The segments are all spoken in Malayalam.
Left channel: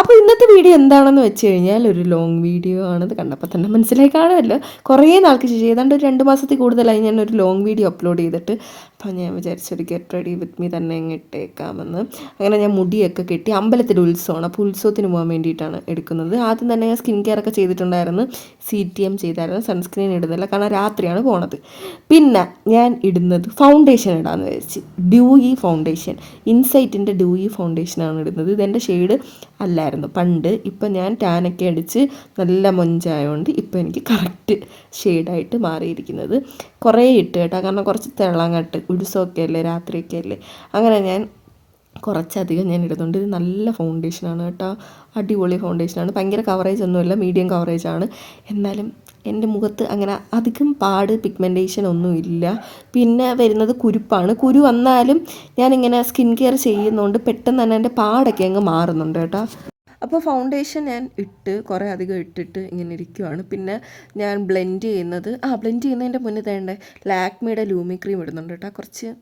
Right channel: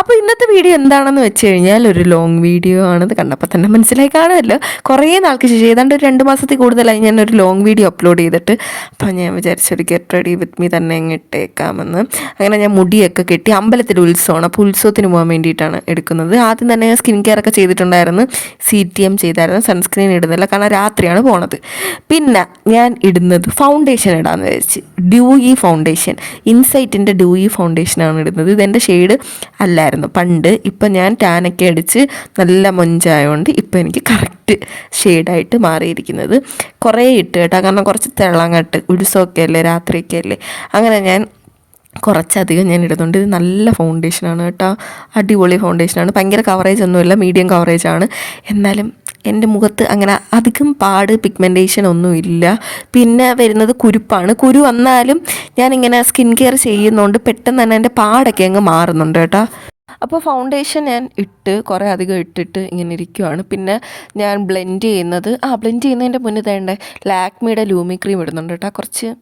അപ്പോൾ ഇന്നത്തെ വീഡിയോ എന്താണെന്ന് വെച്ച് കഴിഞ്ഞാൽ ഒരു ലോങ് വീഡിയോ ആണെന്ന് കണ്ടപ്പോൾ തന്നെ മനസ്സിലായി കാണുമല്ലോ. കുറേ നാൾക്ക് ശേഷം ഏതാണ്ട് ഒരു 2 മാസത്തിൽ കൂടുതലായി ഞാനൊരു ലോങ് വീഡിയോ അപ്ലോഡ് ചെയ്തിട്ട്. അപ്പോൾ ഞാൻ വിചാരിച്ചൊരു ഗെറ്റ് റെഡി വിത്ത് മീ തന്നെ അങ്ങ് ഇട്ടേക്കാമെന്ന്. അങ്ങനെ ഞാൻ മുടിയൊക്കെ കെട്ടി, അമ്പലത്തിൽ ഉത്സവമാണ്, അപ്പോൾ ഉത്സവത്തിന് പോകാൻ വേണ്ടിയിട്ടാണ് എടുക്കുന്നത്. ആദ്യം തന്നെ ഞാൻ സ്കിൻ കെയർ ഒക്കെ ചെയ്തിട്ടുണ്ടായിരുന്നു, CTM ചെയ്തായിരുന്നു. സൺസ്ക്രീൻ ഇടുന്നില്ല കാരണം രാത്രിയാണ് പോണത്. പിന്നെ ഞാൻ ഇടുന്നത് ഫൗണ്ടേഷൻ ഇടാമെന്ന് വിചാരിച്ച്. ഡ്യൂയി ഫൗണ്ടേഷൻ, ഇൻസൈറ്റിൻ്റെ ഡ്യൂയി ഫൗണ്ടേഷനാണ് ഇടുന്നത്. ഇതെൻ്റെ ഷെയ്ഡ് അല്ലായിരുന്നു പണ്ട്. ഇപ്പം ഞാൻ ടാനൊക്കെ അടിച്ച് നല്ല മൊഞ്ചായതുകൊണ്ട് ഇപ്പം എനിക്ക് കറക്റ്റ് ഷെയ്ഡായിട്ട് മാറിയിരിക്കുന്നത്. കുറേ ഇട്ട് കേട്ടോ, കാരണം കുറച്ച് തിളങ്ങട്ട്, ഉത്സവമൊക്കെ അല്ലേ, രാത്രിയൊക്കെ അല്ലേ. അങ്ങനെ ഞാൻ കുറച്ചധികം ഞാൻ ഇടുന്നുണ്ട്. ഇത് നല്ല ഫൗണ്ടേഷനാണ് കേട്ടോ, അടിപൊളി ഫൗണ്ടേഷനാണ്. ഭയങ്കര കവറേജ് ഒന്നുമില്ല, മീഡിയം കവറേജാണ്. എന്നാലും എൻ്റെ മുഖത്ത് അങ്ങനെ അധികം പിഗ്മെൻറ്റേഷൻ ഒന്നും ഇല്ല. പിന്നെ വരുന്നത് കുരുപ്പാണ്. കുരു വന്നാലും ഞാനിങ്ങനെ സ്കിൻ കെയർ ചെയ്യുന്നതുകൊണ്ട് പെട്ടെന്ന് തന്നെ എൻ്റെ പാടൊക്കെ അങ്ങ് മാറുന്നുണ്ട് കേട്ടോ. അപ്പോൾ ഫൗണ്ടേഷൻ ഞാൻ കുറേ അധികം ഇട്ടിട്ട് ഇങ്ങനെ ഇരിക്കുവാണ്. പിന്നെ ഞാൻ ബ്ലെൻഡ് ചെയ്യുന്നതിൻ്റെ മുന്നേ തേണ്ട ലാക്മിയുടെ ലൂമി ക്രീം ഇടുന്നുണ്ട് കേട്ടോ. കുറച്ചും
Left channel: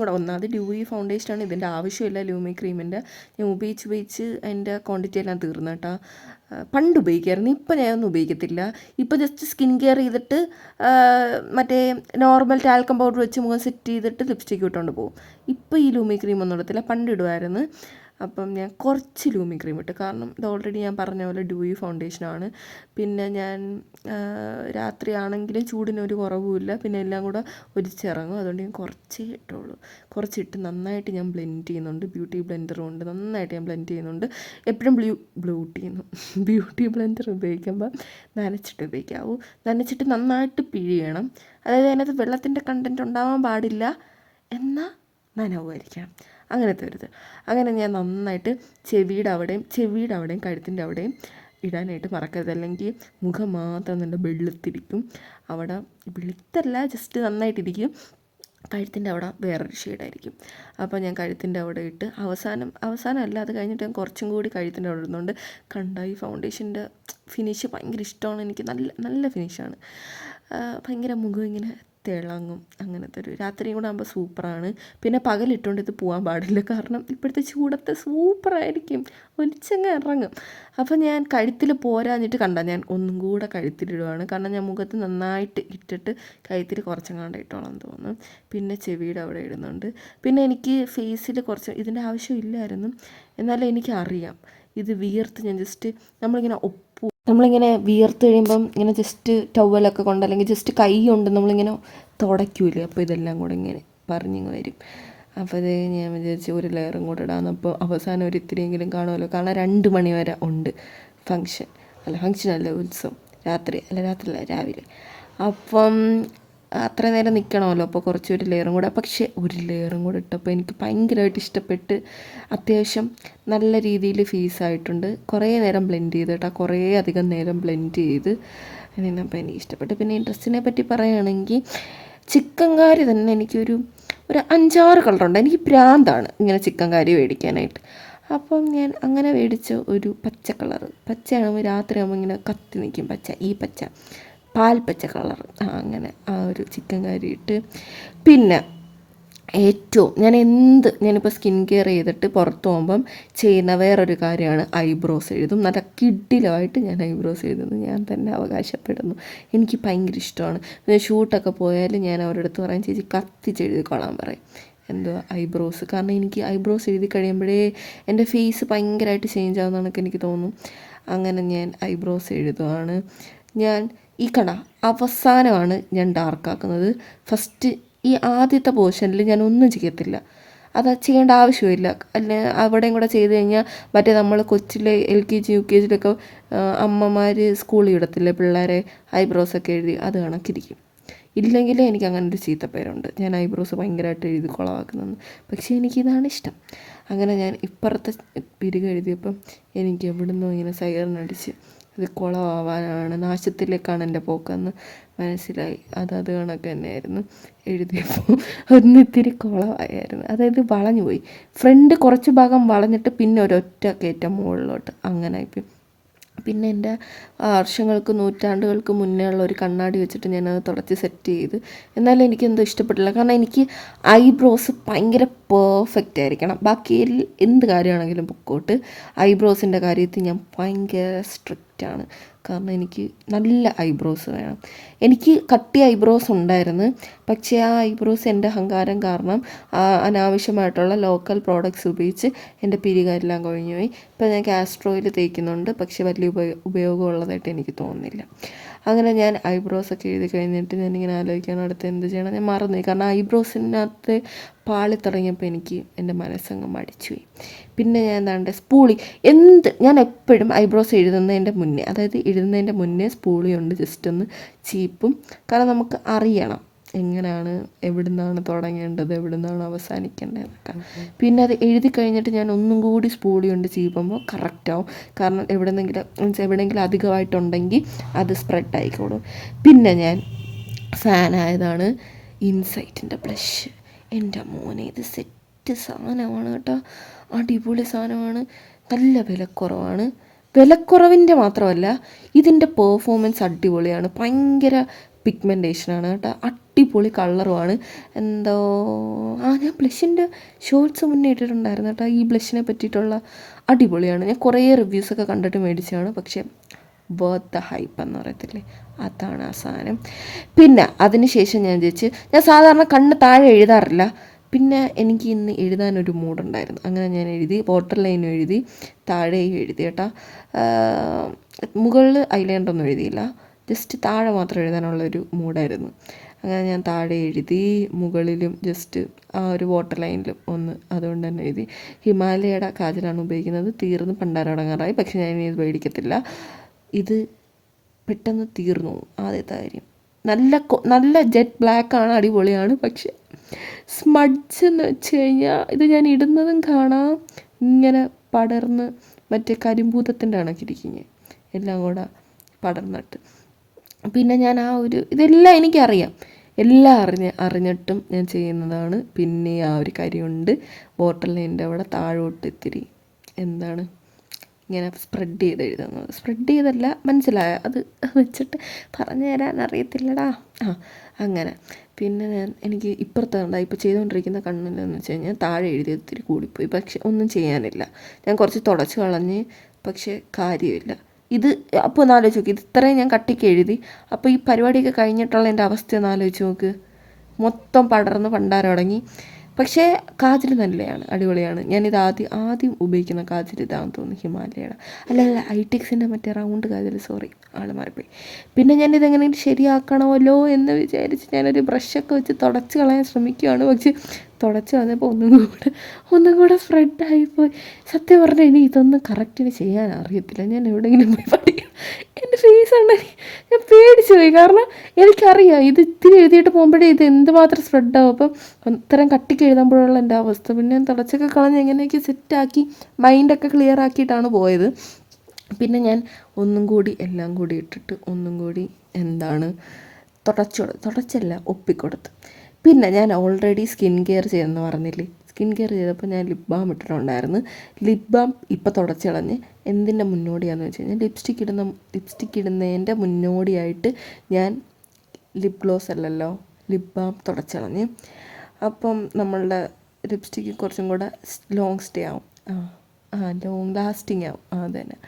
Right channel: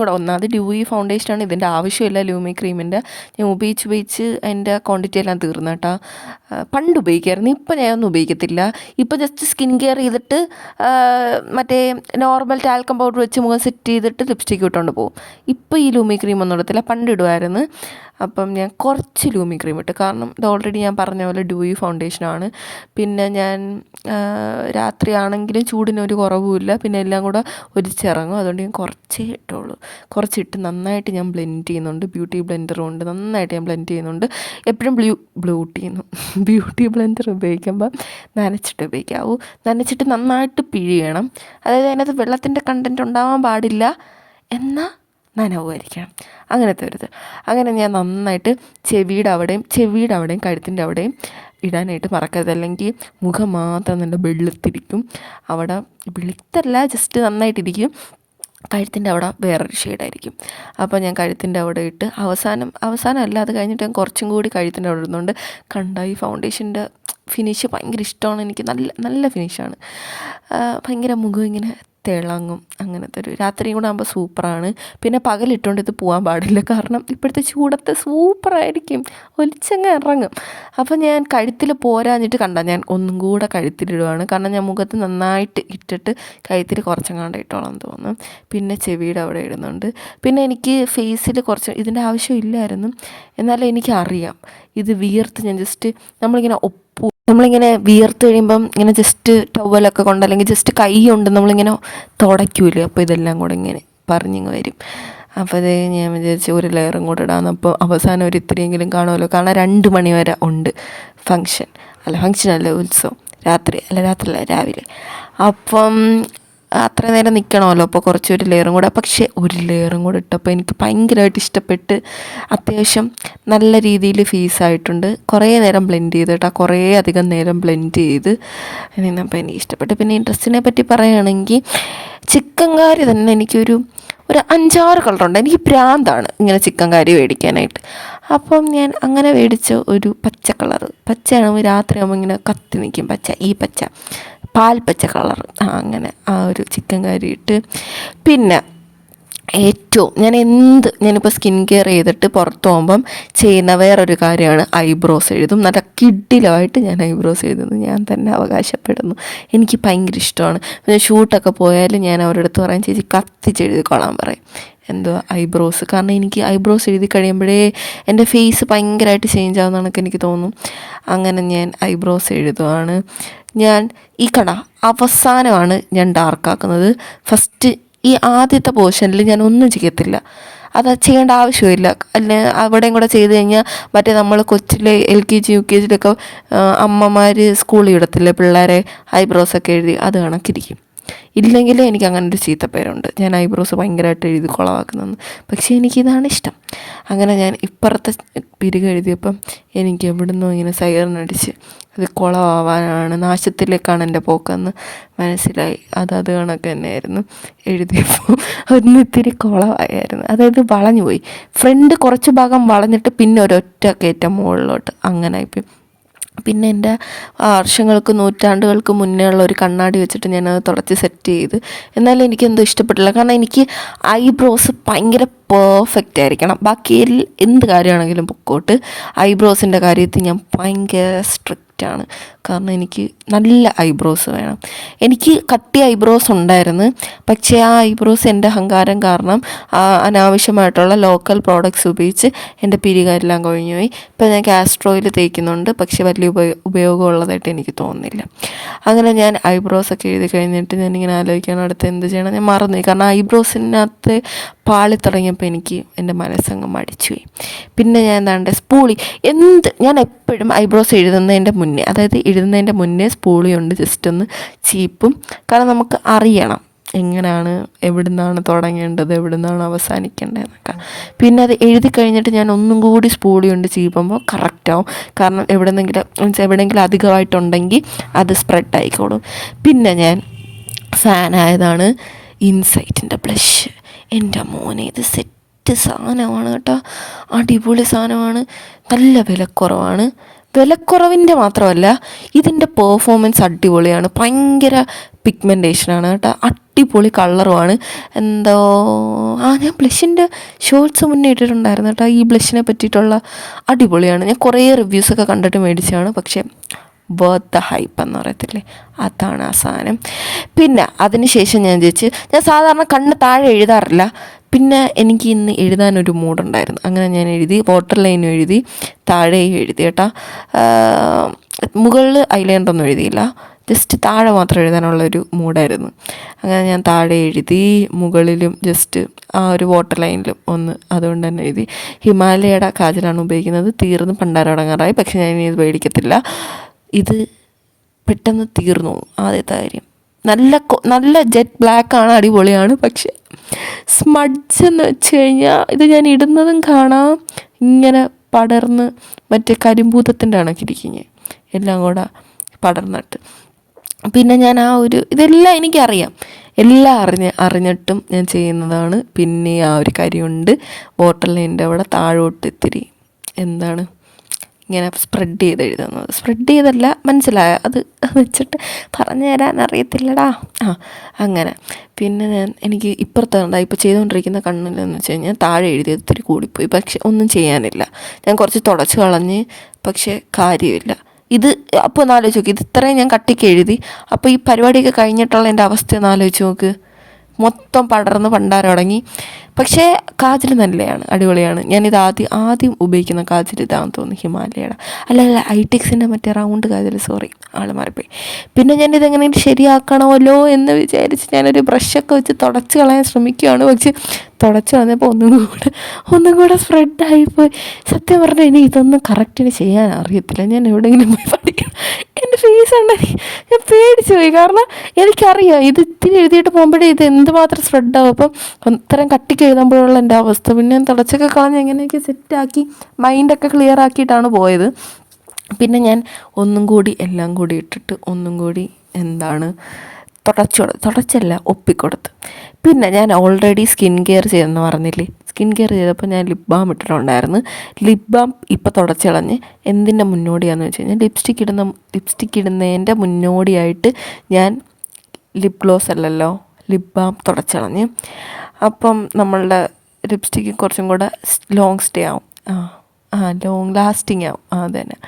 കൂടെ, ഒന്നാമത് ഡ്യൂയി ഫൗണ്ടേഷനാണ്, ഇതിൻ്റെ ആവശ്യമില്ല ലൂമി ക്രീമിൻ്റെ. ഞാൻ ഉപയോഗിച്ച് എൻ്റെ ക്വാണ്ടിറ്റി എല്ലാം തീർന്നു കേട്ടോ. പണ്ട് ഉപയോഗിക്കായിരുന്നു, ഇപ്പം ഞാനൊന്നും ഉപയോഗിക്കത്തില്ല. ഇപ്പോൾ ജസ്റ്റ് സ്കിൻ കെയർ ചെയ്തിട്ട് മറ്റേ നോർമൽ ടാൽക്കം പൗഡർ വെച്ച് മുഖം സെറ്റ് ചെയ്തിട്ട് ലിപ്സ്റ്റിക്ക് ഇട്ടുകൊണ്ട് പോകും. ഇപ്പോൾ ഈ ലൂമി ക്രീം ഒന്നും ഇടത്തില്ല, പണ്ട് ഇടുമായിരുന്നു. അപ്പം ഞാൻ കുറച്ച് ലൂമി ക്രീം ഇട്ട്, കാരണം ഇത് ഓൾറെഡി ഞാൻ പറഞ്ഞ പോലെ ഡ്യൂയി ഫൗണ്ടേഷനാണ്. പിന്നെ ഞാൻ രാത്രിയാണെങ്കിലും ചൂടിനൊരു കുറവുമില്ല, പിന്നെ എല്ലാം കൂടെ ഒലിച്ചിറങ്ങും. അതുകൊണ്ട് ഞാൻ കുറച്ചേ ഇട്ടുള്ളൂ. കുറച്ചിട്ട് നന്നായിട്ട് ഞാൻ ബ്ലെൻഡ് ചെയ്യുന്നുണ്ട്. ബ്യൂട്ടി ബ്ലെൻഡറും ഉണ്ട്, നന്നായിട്ട് ഞാൻ ബ്ലെൻഡ് ചെയ്യുന്നുണ്ട്. എപ്പോഴും ബ്യൂട്ടി ബ്ലെൻഡർ ഉപയോഗിക്കുമ്പോൾ നനച്ചിട്ട് ഉപയോഗിക്കാവൂ. നനച്ചിട്ട് നന്നായിട്ട് പിഴിയണം. അതായത് അതിനകത്ത് വെള്ളത്തിൻ്റെ കണ്ടൻറ്റ് ഉണ്ടാവാൻ പാടില്ല, എന്നാൽ നനവുമായിരിക്കണം, അങ്ങനത്തെ ഒരു ഇത്. അങ്ങനെ ഞാൻ നന്നായിട്ട് ചെവിയുടെ അവിടെയും കഴുത്തിൻ്റെ അവിടെയും ഇടാനായിട്ട് മറക്കരുത്, അല്ലെങ്കിൽ മുഖം മാത്രം നല്ല വെളുത്തിരിക്കും. അവിടെ വെളുത്തല്ല, ജസ്റ്റ് നന്നായിട്ടിരിക്കും. കഴുത്തിൻ്റെ അവിടെ വേറൊരു ഷെയ്ഡായിരിക്കും. അപ്പോൾ ഞാൻ കഴുത്തിൻ്റെ അവിടെ ഇട്ട് അവസാനമല്ല, അത് കഴിഞ്ഞിട്ട് ഞാൻ കുറച്ചും കൂടി കഴുത്തിൻ്റെ അവിടെ ഇടുന്നുണ്ട്. ഈ ഫൗണ്ടേഷൻ്റെ ഫിനിഷ് ഭയങ്കര ഇഷ്ടമാണ് എനിക്ക്, നല്ല ഫിനിഷാണ്. ഭയങ്കര മുഖം ഇങ്ങനെ തിളങ്ങും, അങ്ങനത്തെ ഒരു. രാത്രിയും കൂടെ ആകുമ്പോൾ സൂപ്പറാണ്. പിന്നെ പകലിട്ടുകൊണ്ട് ഇത് പോകാൻ പാടില്ല, കാരണം ഇപ്പോഴത്തെ ചൂടത്ത് സൂപ്പറായിരിക്കും, ഒലിച്ചങ്ങ് ഇറങ്ങും. അപ്പോൾ ഞാൻ കഴുത്തിൽ പോരാഞ്ഞിട്ട് ഞാൻ ഒന്നും കൂടെ കഴുത്തിലിടുവാണ്, കാരണം ഞാൻ മുഖത്ത് നന്നായിട്ട് ഇട്ടിട്ട് കഴുത്തിൽ കുറച്ചങ്ങാണ്ട് ഇട്ടോളാം തോന്നും. പിന്നെ ചെവിയുടെ അവിടെ ഇടുന്നുണ്ട്. പിന്നെ എനിക്ക് ഫേസിൽ കുറച്ച് ഇതിൻ്റെ ആവശ്യമില്ലായിരുന്നു, എന്നാലും എനിക്കറിയാം ഇത് വിയർത്ത് ഞാൻ ജസ്റ്റ് നമ്മളിങ്ങനെ വിയർത്ത് കഴിയുമ്പം ഇങ്ങനെ ജസ്റ്റ് ടവലൊക്കെ കൊണ്ട്, അല്ലെങ്കിൽ ജസ്റ്റ് കൈ കൊണ്ട് നമ്മളിങ്ങനെ തുടയ്ക്കൂലേ, അപ്പോൾ ഇതെല്ലാം കൂടെ ഇങ്ങനെ പറഞ്ഞിങ്ങ് വരും. അപ്പോൾ അത് ഞാൻ വിചാരിച്ച് ഒരു ലെയറും കൂടെ ഇടാമെന്ന്. അപ്പോൾ അവസാനം ഒരു ഇത്തിരിയെങ്കിലും കാണുമല്ലോ, കാരണം 2 മണി വരെ ഉണ്ട് ഫങ്ഷനല്ല ഉത്സവം, രാവിലെ. അപ്പം അത്രയും നേരം നിൽക്കണമല്ലോ, അപ്പോൾ കുറച്ചൊരു ലെയറും കൂടെ. പക്ഷേ ഒരു ലെയറും കൂടെ ഇട്ടപ്പോൾ എനിക്ക് ഭയങ്കരമായിട്ട് ഇഷ്ടപ്പെട്ട്, അത്യാവശ്യം നല്ല രീതിയിൽ ഫേസായിട്ടുണ്ട്. കുറേ നേരം ബ്ലെൻഡ് ചെയ്ത് കേട്ടോ, കുറേ അധികം നേരം ബ്ലെൻഡ് ചെയ്ത് നിന്നപ്പോൾ എനിക്ക് ഇഷ്ടപ്പെട്ടു. പിന്നെ ഈ ഡ്രസ്സിനെ പറ്റി പറയുകയാണെങ്കിൽ ചിക്കൻകാരി തന്നെ എനിക്കൊരു 5-6 കളറുണ്ട്. എനിക്ക് ഭ്രാന്താണ് ഇങ്ങനെ ചിക്കൻകാരി മേടിക്കാനായിട്ട്. അപ്പം ഞാൻ അങ്ങനെ മേടിച്ച ഒരു പച്ച കളറ്, പച്ചയാകുമ്പോൾ രാത്രിയാകുമ്പോൾ ഇങ്ങനെ കത്തി നിൽക്കും, പച്ച പാൽപ്പച്ച കളർ, അങ്ങനെ ആ ഒരു ചിക്കൻ കറി ഇട്ട്. പിന്നെ ഞാനിപ്പോൾ സ്കിൻ കെയർ ചെയ്തിട്ട് പുറത്ത് പോകുമ്പം ചെയ്യുന്ന വേറൊരു കാര്യമാണ് ഐബ്രോസ് എഴുതും. നല്ല കിഡിലുമായിട്ട് ഞാൻ ഐബ്രോസ് എഴുതുന്നു, ഞാൻ തന്നെ അവകാശപ്പെടുന്നു. എനിക്ക് ഭയങ്കര ഇഷ്ടമാണ്. പിന്നെ ഷൂട്ടൊക്കെ പോയാലും ഞാൻ അവരുടെ അടുത്ത് പറയും, ചേച്ചി കത്തിച്ചെഴുതിക്കോളാൻ പറയും ഐബ്രോസ്. കാരണം എനിക്ക് ഐബ്രോസ് എഴുതി കഴിയുമ്പോഴേ എൻ്റെ ഫേസ് ഭയങ്കരമായിട്ട് ചേഞ്ച് ആവുന്നതാണൊക്കെ എനിക്ക് തോന്നും. അങ്ങനെ ഞാൻ ഐബ്രോസ് എഴുതുവാണ്. ഞാൻ അവസാനമാണ് ഞാൻ ഡാർക്കാക്കുന്നത്. ഫസ്റ്റ് ഈ ആദ്യത്തെ പോർഷനിൽ ഞാൻ ഒന്നും ചെയ്യത്തില്ല, അത് ചെയ്യേണ്ട ആവശ്യമില്ല. അവിടെയും കൂടെ ചെയ്ത് കഴിഞ്ഞാൽ മറ്റേ നമ്മൾ കൊച്ചിലെ LKG UKG അമ്മമാർ സ്കൂളിൽ ഇടത്തില്ലേ പിള്ളേരെ ഐബ്രോസൊക്കെ എഴുതി, അത് കണക്കിരിക്കും. ഇല്ലെങ്കിൽ എനിക്ക് അങ്ങനെ ഒരു ചീത്തപ്പേരുണ്ട്, ഞാൻ ഐബ്രോസ് ഭയങ്കരമായിട്ട് എഴുതി കുളമാക്കുന്നതെന്ന്. പക്ഷേ എനിക്കിതാണ് ഇഷ്ടം. അങ്ങനെ ഞാൻ ഇപ്പുറത്തെ പിരിക് എഴുതിയപ്പം എനിക്ക് എവിടുന്നോ ഇങ്ങനെ സൈറനടിച്ച് അത് കുളമാവാനാണ്, നാശത്തിലേക്കാണ് എൻ്റെ പോക്കെന്ന് മനസ്സിലായി. അത് കണക്ക് തന്നെയായിരുന്നു. എഴുതിയപ്പോൾ ഒന്നിത്തിരി കുളമായിരുന്നു, അതായത് വളഞ്ഞു പോയി. ഫ്രണ്ട് കുറച്ച് ഭാഗം വളഞ്ഞിട്ട് പിന്നെ ഒരൊറ്റ കയറ്റം മുകളിലോട്ട്, അങ്ങനെയായിപ്പോയി. പിന്നെ എൻ്റെ നൂറ്റാണ്ടുകൾക്ക് മുന്നേ ഉള്ള ഒരു കണ്ണാടി വെച്ചിട്ട് ഞാനത് തുടച്ച് സെറ്റ് ചെയ്ത്. എന്നാലും എനിക്കെന്തോ ഇഷ്ടപ്പെട്ടില്ല, കാരണം എനിക്ക് ഐബ്രോസ് ഭയങ്കര പെർഫെക്റ്റ് ആയിരിക്കണം. ബാക്കി എന്ത് കാര്യമാണെങ്കിലും പൊക്കോട്ട്. ഐബ്രോസിൻ്റെ കാര്യത്തിൽ ഞാൻ ഭയങ്കര സ്ട്രിക്റ്റാണ്. കാരണം എനിക്ക് നല്ല ഐബ്രോസ് വേണം. എനിക്ക് കട്ടി ഐബ്രോസ് ഉണ്ടായിരുന്നു, പക്ഷേ ആ ഐബ്രോസ് എൻ്റെ അഹങ്കാരം കാരണം അനാവശ്യമായിട്ടുള്ള ലോക്കൽ പ്രോഡക്റ്റ്സ് ഉപയോഗിച്ച് എൻ്റെ പിരികാരെല്ലാം കൊഴിഞ്ഞു പോയി. ഇപ്പോൾ ഞാൻ കാസ്റ്റർ ഓയിൽ തേക്കുന്നുണ്ട്, പക്ഷേ വലിയ ഉപയോഗമുള്ളതായിട്ട് എനിക്ക് തോന്നുന്നില്ല. അങ്ങനെ ഞാൻ ഐബ്രോസൊക്കെ എഴുതി കഴിഞ്ഞിട്ട് ഞാനിങ്ങനെ ആലോചിക്കണം അടുത്ത് എന്ത് ചെയ്യണം. ഞാൻ മറന്നുപോയി, കാരണം ഐബ്രോസിനകത്ത് പാളി തുടങ്ങിയപ്പോൾ എനിക്ക് എൻ്റെ മനസ്സങ്ങ് മടിച്ചുപോയി. പിന്നെ ഞാൻ എന്താണ്ട് ഞാൻ എപ്പോഴും ഐബ്രോസ് എഴുതുന്നതിൻ്റെ മുന്നേ, അതായത് എഴുതുന്നതിൻ്റെ മുന്നേ സ്പൂളി കൊണ്ട് ജസ്റ്റ് ഒന്ന് ചീപ്പും. കാരണം നമുക്ക് അറിയണം എങ്ങനെയാണ്, എവിടെ നിന്നാണ് തുടങ്ങേണ്ടത്, എവിടെ നിന്നാണ് അവസാനിക്കേണ്ടതെന്നൊക്കെ. പിന്നെ അത് എഴുതി കഴിഞ്ഞിട്ട് ഞാൻ ഒന്നും കൂടി സ്പൂളി കൊണ്ട് ചീപ്പുമ്പോൾ കറക്റ്റാവും. കാരണം എവിടെയെങ്കിലും അധികമായിട്ടുണ്ടെങ്കിൽ അത് സ്പ്രെഡ് ആയിക്കോളും. പിന്നെ ഞാൻ ഫാനായതാണ് ഇൻസൈറ്റിൻ്റെ ബ്ലഷ്. എൻ്റെ മോനെ, ഇത് സെറ്റ് സാധനമാണ് കേട്ടോ, അടിപൊളി സാധനമാണ്. നല്ല വിലക്കുറവാണ്. വിലക്കുറവിൻ്റെ മാത്രമല്ല, ഇതിൻ്റെ പെർഫോമൻസ് അടിപൊളിയാണ്. ഭയങ്കര പിഗ്മെൻറ്റേഷനാണ് കേട്ടോ, അടിപൊളി കളറുമാണ്. ഞാൻ ബ്ലഷിൻ്റെ ഷോർട്സ് മുന്നേ ഇട്ടിട്ടുണ്ടായിരുന്നു കേട്ടോ ഈ ബ്ലഷിനെ പറ്റിയിട്ടുള്ള. അടിപൊളിയാണ്. ഞാൻ കുറേ റിവ്യൂസൊക്കെ കണ്ടിട്ട് മേടിച്ചതാണ്, പക്ഷേ വർത്ത് ദ ഹൈപ്പ് എന്ന് പറയത്തില്ലേ, അതാണ് ആ സാധനം. പിന്നെ അതിന് ശേഷം ഞാൻ സാധാരണ കണ്ണ് താഴെ എഴുതാറില്ല. പിന്നെ എനിക്ക് ഇന്ന് എഴുതാനൊരു മൂഡുണ്ടായിരുന്നു, അങ്ങനെ ഞാൻ എഴുതി. വാട്ടർ ലൈനും എഴുതി, താഴെയും എഴുതി കേട്ടോ. മുകളിൽ ഐലൈനറൊന്നും എഴുതിയില്ല, ജസ്റ്റ് താഴെ മാത്രം എഴുതാനുള്ളൊരു മൂഡായിരുന്നു. അങ്ങനെ ഞാൻ താഴെ എഴുതി, മുകളിലും ജസ്റ്റ് ആ ഒരു വാട്ടർ ലൈനിലും ഒന്ന് അതുകൊണ്ട് തന്നെ എഴുതി. ഹിമാലയയുടെ കാജലാണ് ഉപയോഗിക്കുന്നത്, തീർന്ന് പണ്ടാരടങ്ങാറായി. പക്ഷേ ഞാൻ ഇനി ഇത് മേടിക്കത്തില്ല, ഇത് പെട്ടെന്ന് തീർന്നു. ആദ്യത്തെ കാര്യം നല്ല ജെറ്റ് ബ്ലാക്കാണ്, അടിപൊളിയാണ്. പക്ഷേ സ്മഡ്ജ് എന്ന് വെച്ച് കഴിഞ്ഞാൽ ഇത് ഞാൻ ഇടുന്നതും കാണാം ഇങ്ങനെ പടർന്ന് മറ്റേ കരിമ്പൂതത്തിൻ്റെ കണക്കിരിക്കുന്നത് എല്ലാം കൂടെ പടർന്നിട്ട്. പിന്നെ ഞാൻ ഇതെല്ലാം എനിക്കറിയാം, എല്ലാം അറിഞ്ഞിട്ടും ഞാൻ ചെയ്യുന്നതാണ്. പിന്നെ ആ ഒരു കാര്യമുണ്ട്, വാട്ടർ ലൈനിൻ്റെ അവിടെ താഴോട്ട് ഇത്തിരി ഇങ്ങനെ സ്പ്രെഡ് ചെയ്ത് എഴുതുന്നത്. സ്പ്രെഡ് ചെയ്തല്ല, മനസ്സിലായ അത് വെച്ചിട്ട് പറഞ്ഞു തരാൻ അറിയത്തില്ലടാ. അങ്ങനെ പിന്നെ എനിക്ക് ഇപ്പുറത്ത് ഇപ്പോൾ ചെയ്തുകൊണ്ടിരിക്കുന്ന കണ്ണിലെന്ന് വെച്ച് കഴിഞ്ഞാൽ താഴെ എഴുതിയത് ഇത്തിരി കൂടിപ്പോയി. പക്ഷെ ഒന്നും ചെയ്യാനില്ല, ഞാൻ കുറച്ച് തുടച്ച് കളഞ്ഞ്, പക്ഷേ കാര്യമില്ല. ഇത് അപ്പോൾ ഒന്ന് ആലോചിച്ച് നോക്ക്, ഇത് ഇത്രയും ഞാൻ കട്ടിക്ക് എഴുതി. അപ്പോൾ ഈ പരിപാടിയൊക്കെ കഴിഞ്ഞിട്ടുള്ള എൻ്റെ അവസ്ഥ ഒന്ന് ആലോചിച്ച് നോക്ക്, മൊത്തം പടർന്ന് പണ്ടാരം തുടങ്ങി. പക്ഷേ കാജൽ നല്ലതാണ്, അടിപൊളിയാണ്. ഞാനിത് ആദ്യം ഉപയോഗിക്കുന്ന കാജൽ ഇതാണെന്ന് തോന്നുന്നു, ഹിമാലയയുടെ. അല്ല ഐടെക്സിൻ്റെ മറ്റേ റൗണ്ട് കാജൽ, സോറി ആൾ മാറിപ്പോയി. പിന്നെ ഞാനിതെങ്ങനെയും ശരിയാക്കണമല്ലോ എന്ന് വിചാരിച്ച് ഞാനൊരു ബ്രഷൊക്കെ വെച്ച് തുടച്ച് കളയാൻ ശ്രമിക്കുകയാണ്. പക്ഷേ തുടച്ച് കളഞ്ഞപ്പോൾ ഒന്നും കൂടെ സ്പ്രെഡായിപ്പോയി. സത്യം പറഞ്ഞാൽ ഇനി ഇതൊന്നും കറക്റ്റിന് ചെയ്യാൻ അറിയത്തില്ല. ഞാൻ എവിടെയെങ്കിലും പോയി പഠിക്കണം. എൻ്റെ ഫേസ് ഉണ്ടെങ്കിൽ ഞാൻ പേടിച്ചു പോയി, കാരണം എനിക്കറിയാം ഇത് ഇത്തിരി എഴുതിയിട്ട് പോകുമ്പോഴേ ഇത് എന്തുമാത്രം സ്പ്രെഡാകും. അപ്പം ഇത്തരം കട്ടിക്ക് എഴുതുമ്പോഴുള്ള എൻ്റെ അവസ്ഥ. പിന്നെ ഞാൻ തുടച്ചൊക്കെ കളഞ്ഞ് എങ്ങനെയൊക്കെ സെറ്റാക്കി മൈൻഡൊക്കെ ക്ലിയർ ആക്കിയിട്ടാണ് പോയത്. പിന്നെ ഞാൻ ഒന്നും കൂടി എല്ലാം കൂടി ഇട്ടിട്ട് ഒന്നും കൂടി തുടച്ചല്ല ഒപ്പിക്കൊടുത്ത്. പിന്നെ ഞാൻ ഓൾറെഡി സ്കിൻ കെയർ ചെയ്തെന്ന് പറഞ്ഞില്ലേ, സ്കിൻ കെയർ ചെയ്തപ്പോൾ ഞാൻ ലിപ് ബാം ഇട്ടിട്ടുണ്ടായിരുന്നു. ലിപ് ബാം ഇപ്പോൾ തുടച്ചിളഞ്ഞ് എന്തിൻ്റെ മുന്നോടിയാണെന്ന് വെച്ച് കഴിഞ്ഞാൽ ലിപ്സ്റ്റിക്ക് ഇടുന്നതിൻ്റെ മുന്നോടിയായിട്ട് ഞാൻ ലിപ് ഗ്ലോസ് അല്ലല്ലോ, ലിപ് ബാം തുടച്ചിളഞ്ഞ്. അപ്പം നമ്മളുടെ ലിപ്സ്റ്റിക്ക് കുറച്ചും കൂടെ ലോങ് സ്റ്റേ ആവും, ലോങ് ലാസ്റ്റിംഗ് ആവും. അതുതന്നെ.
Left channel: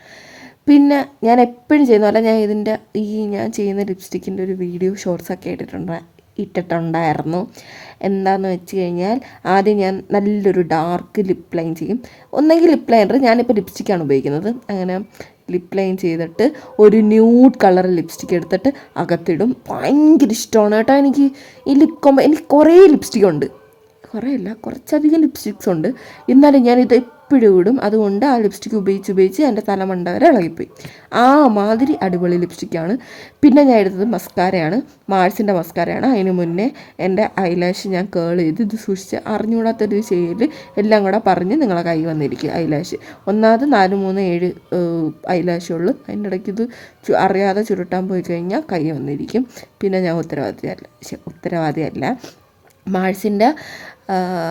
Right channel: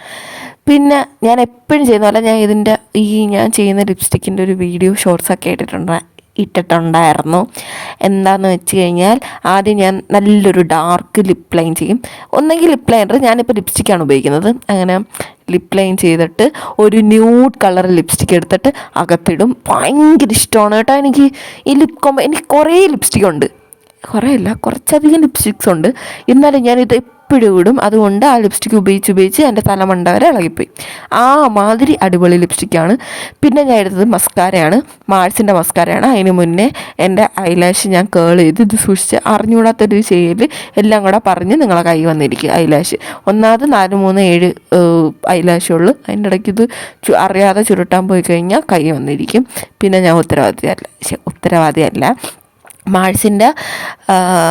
പിന്നെ ഞാൻ എപ്പോഴും ചെയ്യുന്നതല്ല, ഞാൻ ചെയ്യുന്ന ലിപ്സ്റ്റിക്കിൻ്റെ ഒരു വീഡിയോ ഷോർട്സൊക്കെ ഇട്ടിട്ടുണ്ടായിരുന്നു. എന്താണെന്ന് വെച്ച് കഴിഞ്ഞാൽ, ആദ്യം ഞാൻ നല്ലൊരു ഡാർക്ക് ലിപ്പ് ലൈൻ ചെയ്യും. ഒന്നെങ്കിൽ ലിപ്പ് ലൈനർ, ഞാനിപ്പോൾ ലിപ്സ്റ്റിക്കാണ് ഉപയോഗിക്കുന്നത്. അങ്ങനെ ലിപ്പ് ലൈൻ ചെയ്തിട്ട് ഒരു ന്യൂഡ് കളർ ലിപ്സ്റ്റിക്ക് എടുത്തിട്ട് അകത്തിടും. ഭയങ്കര ഇഷ്ടമാണ് കേട്ടോ എനിക്ക് ഈ ലിപ് കോംബോ. എനിക്ക് കുറേ ലിപ്സ്റ്റിക്കുണ്ട്, കുറച്ചധികം ലിപ്സ്റ്റിക്സ് ഉണ്ട്. എന്നാലും ഞാനിത് എപ്പോഴും ഇടും. അതുകൊണ്ട് ആ ലിപ്സ്റ്റിക്ക് ഉപയോഗിച്ച് എൻ്റെ തലമണ്ട വരെ ഇളകിപ്പോയി. ആ മാതിരി അടിപൊളി ലിപ്സ്റ്റിക്കാണ്. പിന്നെ ഞാൻ എടുത്തത് മസ്കാരയാണ്, മാഴ്സിൻ്റെ മസ്കാരയാണ്. അതിന് മുന്നേ എൻ്റെ ഐലാഷ് ഞാൻ കേൾ ചെയ്ത് ഇത് സൂക്ഷിച്ച് അറിഞ്ഞുകൂടാത്തൊരു ചെയ്യൽ എല്ലാം കൂടെ പറഞ്ഞ് നിങ്ങളെ കൈ വന്നിരിക്കും. ഐലാഷ് ഒന്നാമത് 4, 3, 7 ഐലാഷുള്ളൂ. അതിൻ്റെ ഇടയ്ക്ക് ഇത് അറിയാതെ ചുരുട്ടാൻ പോയി കഴിഞ്ഞാൽ കൈ വന്നിരിക്കും. പിന്നെ ഞാൻ ഉത്തരവാദിയല്ല. മാഴ്സിൻ്റെ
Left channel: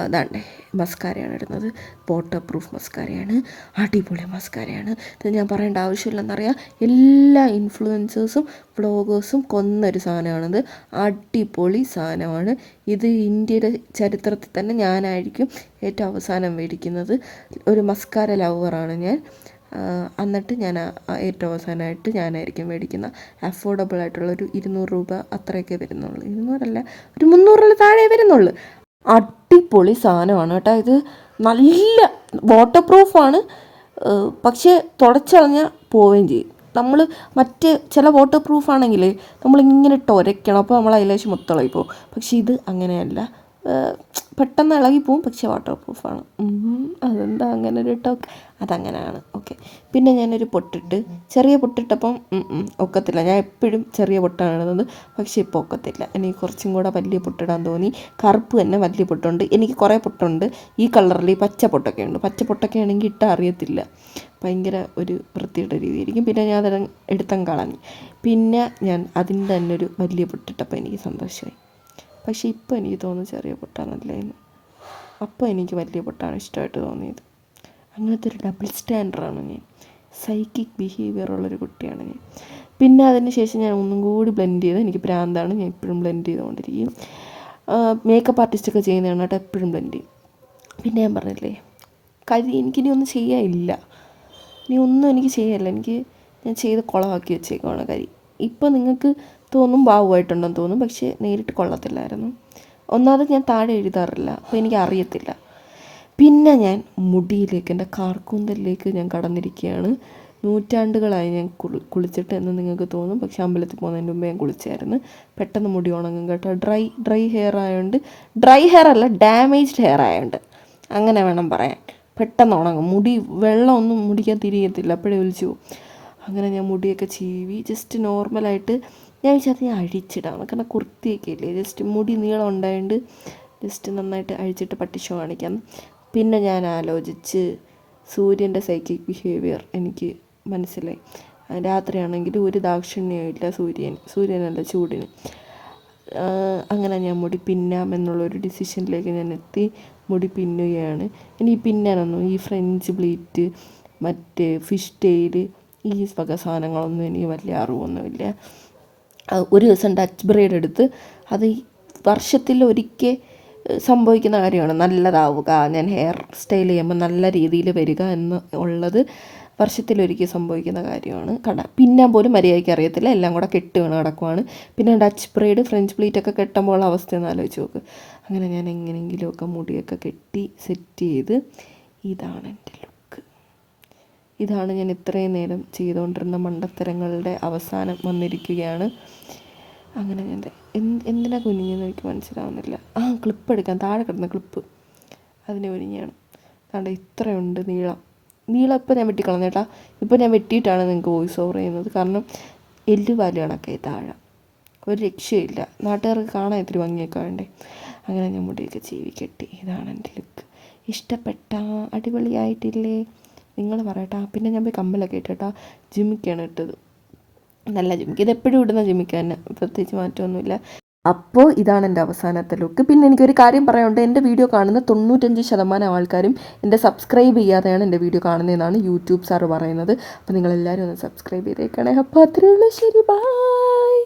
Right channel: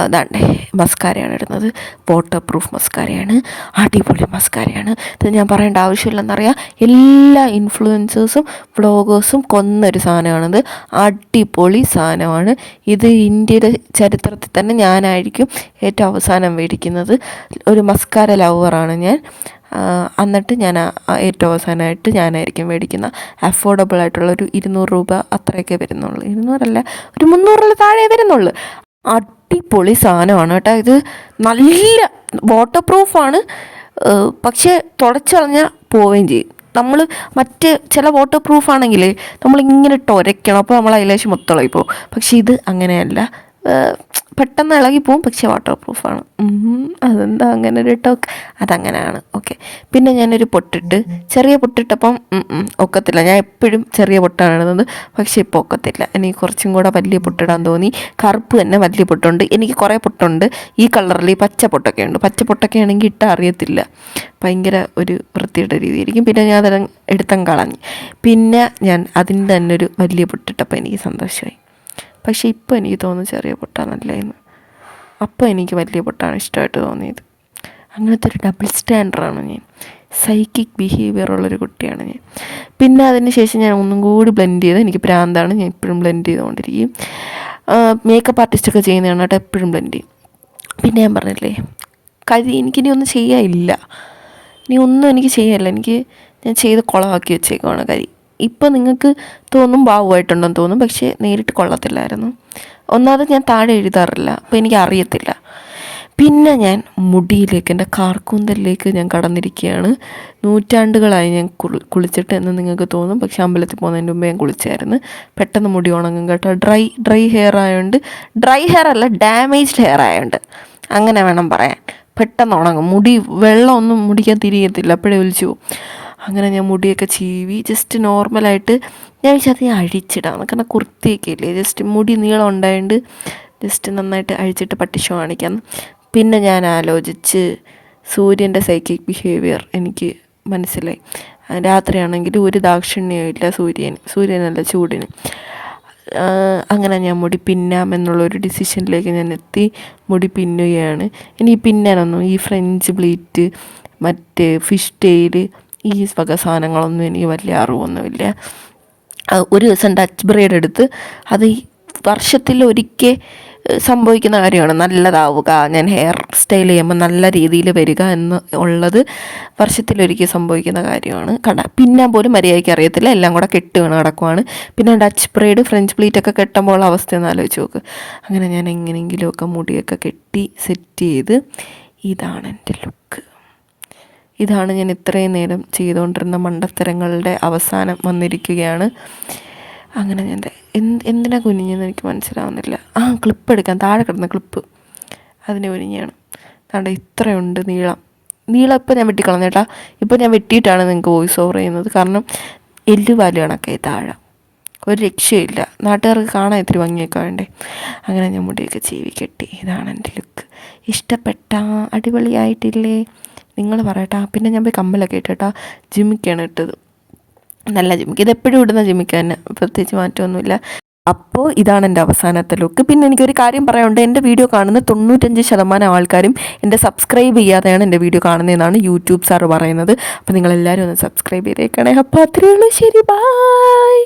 ഇതാണ്ടേ മസ്കാരയാണ് ഇടുന്നത്. വാട്ടർ പ്രൂഫ് മസ്കാരയാണ്, അടിപൊളി മസ്കാരയാണ്. ഇത് ഞാൻ പറയേണ്ട ആവശ്യമില്ലെന്നറിയാം. എല്ലാ ഇൻഫ്ലുവൻസേഴ്സും വ്ളോഗേഴ്സും കൊന്നൊരു സാധനമാണിത്. അടിപൊളി സാധനമാണ് ഇത്. ഇന്ത്യയുടെ ചരിത്രത്തിൽ തന്നെ ഞാനായിരിക്കും ഏറ്റവും അവസാനം മേടിക്കുന്നത്. ഒരു മസ്കാര ലവറാണ് ഞാൻ. എന്നിട്ട് ഞാൻ ഏറ്റവും അവസാനമായിട്ട് ഞാനായിരിക്കും മേടിക്കുന്ന. അഫോർഡബിൾ ആയിട്ടുള്ള ഒരു 200 രൂപ അത്രയൊക്കെ വരുന്നുള്ളൂ. 200 ഒരു 300 താഴെ വരുന്നുള്ളൂ. അടിപൊളി സാധനമാണ് കേട്ടോ. ഇത് നല്ല വാട്ടർ പ്രൂഫാണ്, പക്ഷേ തുടച്ചളഞ്ഞാൽ പോവുകയും ചെയ്യും. നമ്മൾ മറ്റ് ചില വാട്ടർ പ്രൂഫാണെങ്കിൽ നമ്മളിങ്ങനെ ഇട്ട് ഉരയ്ക്കണം, അപ്പോൾ നമ്മൾ അതിലേശം മൊത്തമായി പോകും. പക്ഷേ ഇത് അങ്ങനെയല്ല, പെട്ടെന്ന് ഇളകിപ്പോവും, പക്ഷേ വാട്ടർ പ്രൂഫാണ്. അതെന്താ അങ്ങനെ ഒരു ടോക്ക്? അതങ്ങനെയാണ്. ഓക്കെ. പിന്നെ ഞാനൊരു പൊട്ടിട്ട്, ചെറിയ പൊട്ടിട്ടപ്പം ഒക്കത്തില്ല. ഞാൻ എപ്പോഴും ചെറിയ പൊട്ടാണ് ഇടുന്നത്, പക്ഷേ ഇപ്പോൾ ഒക്കത്തില്ല. എനിക്ക് കുറച്ചും കൂടെ വലിയ പൊട്ടിടാൻ തോന്നി. കറുപ്പ് തന്നെ വലിയ പൊട്ടുണ്ട്. എനിക്ക് കുറേ പൊട്ടുണ്ട് ഈ കളറിൽ. പച്ച പൊട്ടൊക്കെ ഉണ്ട്. പച്ച പൊട്ടൊക്കെ ആണെങ്കിൽ ഇട്ടാൽ അറിയത്തില്ല, ഭയങ്കര ഒരു വൃത്തിയുടെ രീതിയായിരിക്കും. പിന്നെ ഞാൻ അതെല്ലാം എടുത്തം കളഞ്ഞ്. പിന്നെ ഞാൻ അതിൻ്റെ തന്നെ ഒരു വലിയ പൊട്ടിട്ടപ്പോൾ എനിക്ക് സന്തോഷമായി. പക്ഷേ ഇപ്പോൾ എനിക്ക് തോന്നുന്നു ചെറിയ പൊട്ടാണ് നല്ലതെന്ന്. അപ്പോൾ എനിക്ക് വലിയ പൊട്ടാണ് ഇഷ്ടമായിട്ട് തോന്നിയത്. അങ്ങനത്തെ ഒരു ഡബിൾ സ്റ്റാൻഡറാണ് ഞാൻ. സൈക്കിക് ബിഹേവിയർ ഉള്ളൊരു കുട്ടിയാണ് ഞാൻ. പിന്നെ അതിന് ശേഷം ഞാൻ ഒന്നും കൂടി ബ്ലെൻഡ് ചെയ്ത്, എനിക്ക് ഭ്രാന്താണ്, ഞാൻ എപ്പോഴും ബ്ലെൻഡ് ചെയ്തുകൊണ്ടിരിക്കും. മേക്കപ്പ് ആർട്ടിസ്റ്റൊക്കെ ചെയ്യുന്നതാണ് കേട്ടോ, എപ്പോഴും ബ്ലെൻഡ് ചെയ്യും. പിന്നെ ഞാൻ പറഞ്ഞില്ലേ, എനിക്കിനി ഒന്നും ചെയ്യാനില്ല. ഇനി ഒന്നും എനിക്ക് ചെയ്യാനില്ല. ഞാൻ ചെയ്ത് കുളമാക്കി വെച്ചേക്കുവാണ് കരി. ഇപ്പോൾ നിങ്ങൾക്ക് തോന്നും ഭാവമായിട്ടുണ്ടെന്ന് തോന്നും, പക്ഷേ നേരിട്ട് കൊള്ളത്തില്ലായിരുന്നു. ഒന്നാമത് ഞാൻ താഴെ എഴുതാറില്ല, അപ്പോൾ എനിക്ക് അറിയത്തില്ല. പിന്നെ ഞാൻ മുടിയിലേക്ക്, എൻ്റെ കാർക്കൂന്തലിലേക്ക് ഞാൻ കടന്നിരിക്കുകയാണ്. നൂറ്റാണ്ടുകളായി ഞാൻ കുളിച്ചിട്ട് എന്ന് നിങ്ങൾക്ക് തോന്നും, പക്ഷേ അമ്പലത്തിൽ പോകുന്നതിന് മുമ്പ് ഞാൻ കുളിച്ചായിരുന്നു. പെട്ടെന്ന് മുടി ഉണങ്ങും കേട്ടോ. ഡ്രൈ ഹെയർ ആയതുകൊണ്ട്, ഡ്രൈ ഹെയർ അല്ല, ഡാമേജ്ഡ് ഹെയർ ആയതുകൊണ്ട് അങ്ങനെ വേണം പറയാൻ. പെട്ടെന്ന് ഉണങ്ങും. മുടി വെള്ളമൊന്നും മുടിക്കാൻ തിരിയത്തില്ല, അപ്പോഴേ ഒലിച്ചു പോകും. അങ്ങനെ ഞാൻ മുടിയൊക്കെ ചീവി ജസ്റ്റ് നോർമലായിട്ട് ഞാൻ വിചാരിച്ചത് ഞാൻ അഴിച്ചിടാം, കാരണം കുർത്തിയൊക്കെ ഇല്ലേ, ജസ്റ്റ് മുടി നീളം ഉണ്ടായതുകൊണ്ട് ജസ്റ്റ് നന്നായിട്ട് അഴിച്ചിട്ട് പട്ടിഷോ കാണിക്കാം. പിന്നെ ഞാൻ ആലോചിച്ച് സൂര്യൻ്റെ സൈക്കിക് ബിഹേവിയർ എനിക്ക് മനസ്സിലായി. രാത്രിയാണെങ്കിൽ ഒരു ദാക്ഷിണ്യവും ഇല്ല സൂര്യനല്ല ചൂടിന്. അങ്ങനെ ഞാൻ മുടി പിന്നാം എന്നുള്ളൊരു ഡിസിഷനിലേക്ക് ഞാൻ എത്തി. മുടി പിന്നുകയാണ്. ഇനി പിന്നാനൊന്നും ഈ ഫ്രഞ്ച് ബ്ലീറ്റ്, മറ്റേ ഫിഷ് ടെയിൽ, ഈ വക സാധനങ്ങളൊന്നും എനിക്ക് വലിയ അറിവൊന്നുമില്ല. ഒരു ദിവസം ഡച്ച് ബ്രൈഡ് എടുത്ത്, അത് വർഷത്തിലൊരിക്കൽ സംഭവിക്കുന്ന കാര്യമാണ് നല്ലതാവുക, ഞാൻ ഹെയർ സ്റ്റൈൽ ചെയ്യുമ്പോൾ നല്ല രീതിയിൽ വരിക എന്ന് ഉള്ളത് വർഷത്തിലൊരിക്കൽ സംഭവിക്കുന്ന കാര്യമാണ്. പിന്നെ പോലും മര്യാദയ്ക്ക് അറിയത്തില്ല, എല്ലാം കൂടെ കെട്ട് വീണ് കിടക്കുവാണ്. പിന്നെ ഡച്ച് ബ്രൈഡ് ഫ്രഞ്ച് പ്ലീറ്റൊക്കെ കെട്ടുമ്പോൾ അവസ്ഥയൊന്ന് ആലോചിച്ച് നോക്ക്. അങ്ങനെ ഞാൻ എങ്ങനെയെങ്കിലുമൊക്കെ മുടിയൊക്കെ കെട്ടി സെറ്റ് ചെയ്ത്, ഇതാണ് എൻ്റെ ലുക്ക്. ഇതാണ് ഞാൻ ഇത്രയും നേരം ചെയ്തുകൊണ്ടിരുന്ന മണ്ടത്തരങ്ങളുടെ അവസാനം വന്നിരിക്കുകയാണ്. അങ്ങനെ ഞാൻ എന്തിനാ കുനിഞ്ഞെന്ന് എനിക്ക് മനസ്സിലാവുന്നില്ല. ക്ലിപ്പ് എടുക്കാൻ, താഴെ കിടന്ന ക്ലിപ്പ്, അതിന് കുനിഞ്ഞാണ്. അതുകൊണ്ട് ഇത്രയുണ്ട് നീളം ഇപ്പോൾ ഞാൻ വെട്ടിക്കളഞ്ഞേട്ടാ. ഇപ്പോൾ ഞാൻ വെട്ടിയിട്ടാണ് നിങ്ങൾക്ക് വോയിസ് ഓവർ ചെയ്യുന്നത്, കാരണം എല്ലുപാല് കണക്കായി താഴെ, ഒരു രക്ഷയില്ല. നാട്ടുകാർക്ക് കാണാൻ ഇത്തിരി ഭംഗിയൊക്കെ വേണ്ടേ. അങ്ങനെ ഞാൻ മുടിയൊക്കെ ചീവി കെട്ടി. ഇതാണ് എൻ്റെ ലുക്ക്. ഇഷ്ടപ്പെട്ട? അടിപൊളിയായിട്ടില്ലേ? നിങ്ങൾ പറയട്ടാ. പിന്നെ ഞാൻ പോയി കമ്മലൊക്കെ ഇട്ടേട്ടാ. ജിമിക്കാണ് ഇട്ടത്, നല്ല ജിമിക്ക്. ഇതെപ്പോഴും ഇടുന്ന ജിമിക്ക് തന്നെ, പ്രത്യേകിച്ച് മാറ്റമൊന്നുമില്ല. അപ്പോൾ ഇതാണ് എൻ്റെ അവസാനത്തെ ലുക്ക്. പിന്നെ എനിക്കൊരു കാര്യം പറയാനുണ്ട്. എൻ്റെ വീഡിയോ കാണുന്ന 95% ആൾക്കാരും എൻ്റെ സബ്സ്ക്രൈബ് ചെയ്യാതെയാണ് എൻ്റെ വീഡിയോ കാണുന്നതെന്നാണ് യൂട്യൂബ് സാർ പറയുന്നത്. അപ്പോൾ നിങ്ങളെല്ലാവരും ഒന്ന് സബ്സ്ക്രൈബ് ചെയ്തേക്കണേ. അപ്പോൾ അത്രയേ ഉള്ളൂ. ശരി, ബൈ.